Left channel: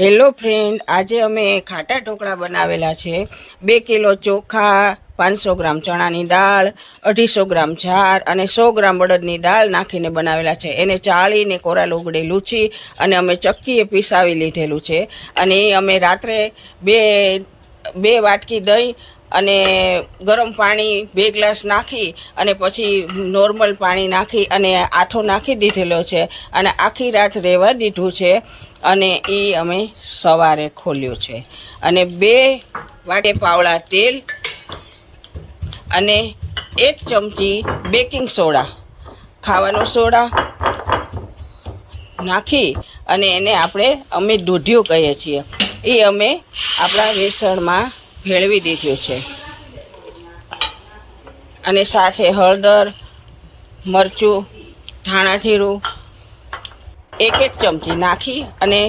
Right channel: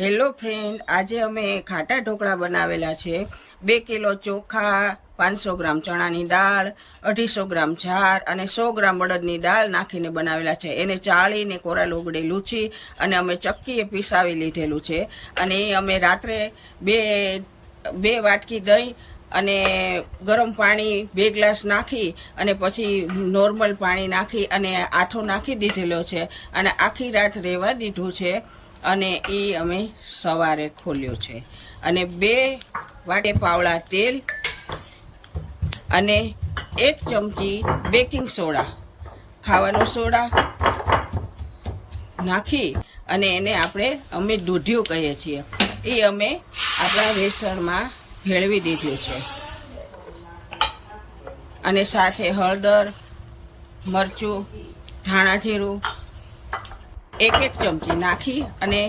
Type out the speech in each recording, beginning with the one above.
Hello friend, આજે અમે ખાટા ઢોકળા બનાવેલા છે। 2 કિલો ચોખા, 500 ગ્રામ ચણાની દાળ, 250 ગ્રામ જાર અને 100 ગ્રામ બળદની દાળ નાખીને બનાવેલા છે। એને ચાળીને કોરા લોગડે લૂછી અને અમે ચક્કીએ પીસાવી લીધેલું છે। અને એ અમે રાત્રે બે વાટકી દહીં અને ગરમ પાણી 2 ગ્લાસ નાખી અને પછી નોર્મલ પાણી નાખી અને આઠો નાખી દીધેલો છે અને આખી રાત રહેવા દીધું છે। અને એ અમે સવારે ખોલ્યું છે અને 2 વાટે પાવડા તેલ અને 1 ચમચી બેકિંગ સોડા, ખાવાનો સોડા નાખી અને એને અમે દૂધિયું કહીએ છીએ, એ અમે આપણા વેસણમાં ભેળવી દીધું છે। અને સાથે હળદર, મરચું, ધાણા જીરું 1 ચમચી નાખી અને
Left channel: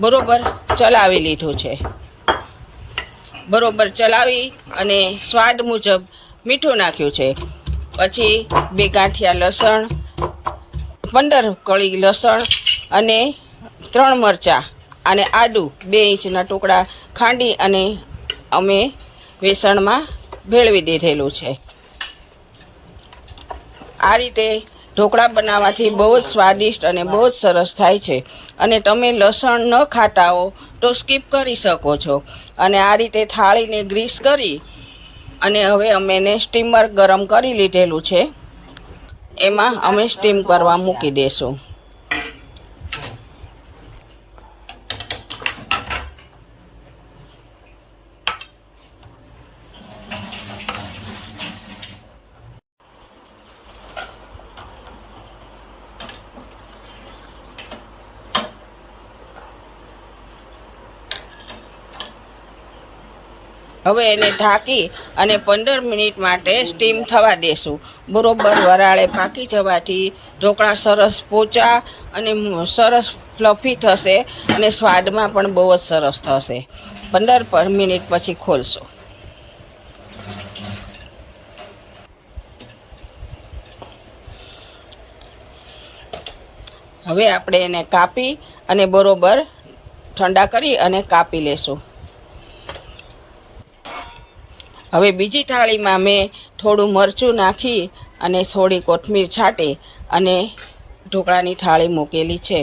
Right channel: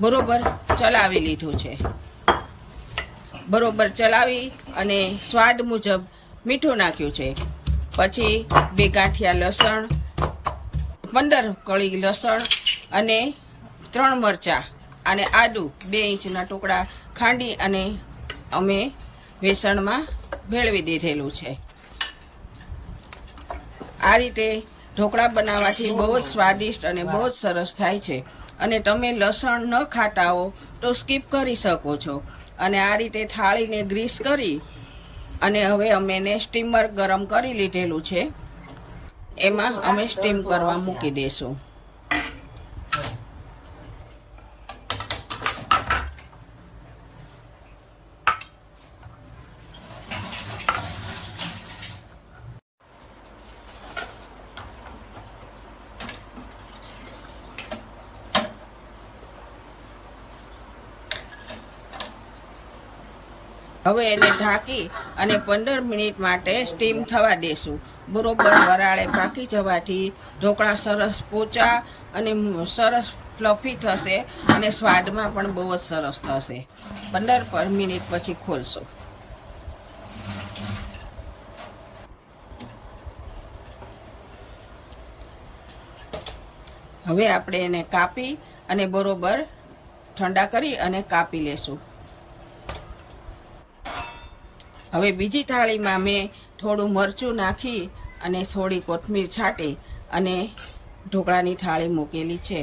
બરોબર ચલાવી લીધું છે। બરોબર ચલાવી અને સ્વાદ મુજબ મીઠું નાખ્યું છે। પછી 2 ગાંઠિયા લસણ, 15 કળી લસણ અને 3 મરચાં અને આદું 2 ઇંચના ટુકડા ખાંડી અને અમે વેસણમાં ભેળવી દીધેલું છે। આ રીતે ઢોકળા બનાવવાથી બહુ જ સ્વાદિષ્ટ અને બહુ જ સરસ થાય છે। અને તમે લસણ ન ખાતા હો તો સ્કીપ કરી શકો છો। અને આ રીતે થાળીને ગ્રીસ કરી અને હવે અમે એને સ્ટીમર ગરમ કરી લીધેલું છે, એમાં અમે સ્ટીમ કરવા મૂકી દઈશું। હવે એને ઢાંકી અને 15 મિનિટ માટે સ્ટીમ થવા દેશું। બરોબર વરાળે પાકી જવાથી ઢોકળા સરસ પોચા અને સરસ ફ્લફી થશે અને સ્વાદમાં પણ બહુ જ સરસ થશે। 15 મિનિટ પછી ખોલશું। હવે આપણે એને કાપી અને બરોબર ઠંડા કરી અને કાપી લેશું। હવે બીજી થાળીમાં મેં થોડું મરચું નાખી અને થોડી કોથમીર છાંટી અને ઢોકળાની થાળી મૂકેલી છે।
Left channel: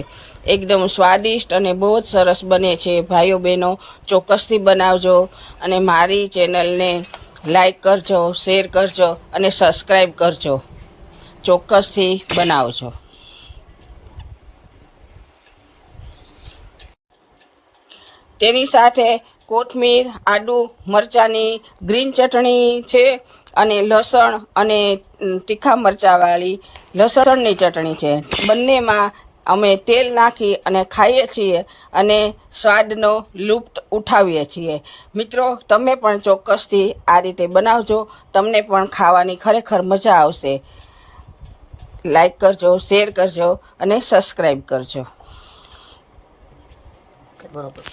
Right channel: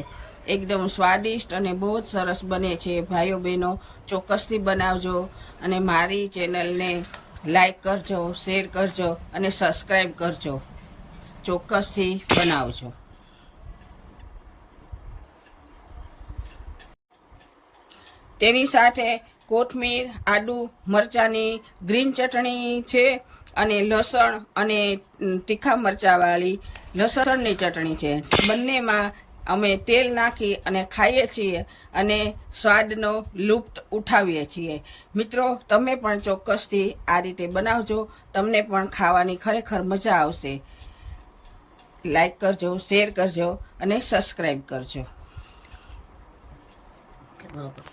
એકદમ સ્વાદિષ્ટ અને બહુ જ સરસ બને છે। ભાઈઓ બહેનો ચોક્કસથી બનાવજો અને મારી ચેનલને લાઈક કરજો, શેર કરજો અને સબસ્ક્રાઈબ કરજો। ચોક્કસથી બનાવજો। તેની સાથે કોથમીર, આદુ, મરચાંની ગ્રીન ચટણી છે અને લસણ અને તીખા મરચાંવાળી લસણની ચટણી છે। બંનેમાં અમે તેલ નાખી અને ખાઈએ છીએ અને સ્વાદનો લુપ્ત ઉઠાવીએ છીએ। મિત્રો, તમે પણ ચોક્કસથી આ રીતે બનાવજો, તમને પણ ખાવાની ખરેખર મજા આવશે। લાઈક કરજો, શેર કરજો અને સબસ્ક્રાઈબ કરજો। બરોબર.